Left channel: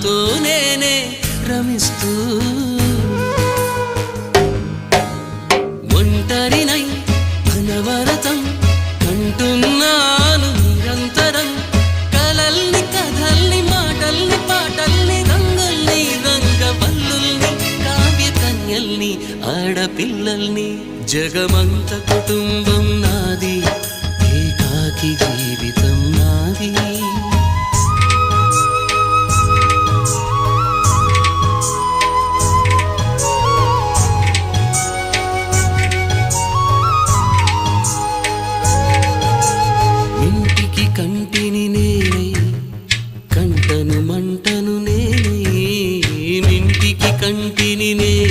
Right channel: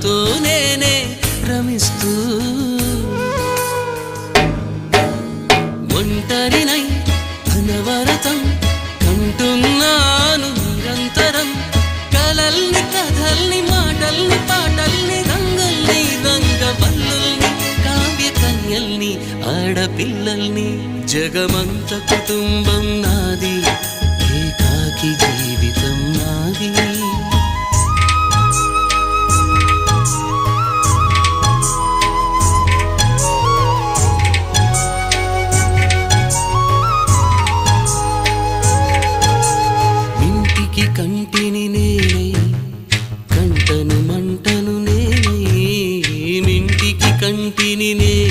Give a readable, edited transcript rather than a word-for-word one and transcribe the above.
నాతో నేనే రమిస్తూ ఒంటరినై అనవరతం కంటున్నాను నిరంతరం కలల్ని కథల్ని మాటల్ని పాటల్ని రంగుల్ని రంగవల్లుల్ని కావ్య కన్యల్ని ఆడపిల్లల్ని జగమంత కుటుంబం నాది ఏకాకి జీవితం నాది ఇంటికి కంటిని నేనై కంటను మంటను నేనై ఇంటికి కంటిని నేనై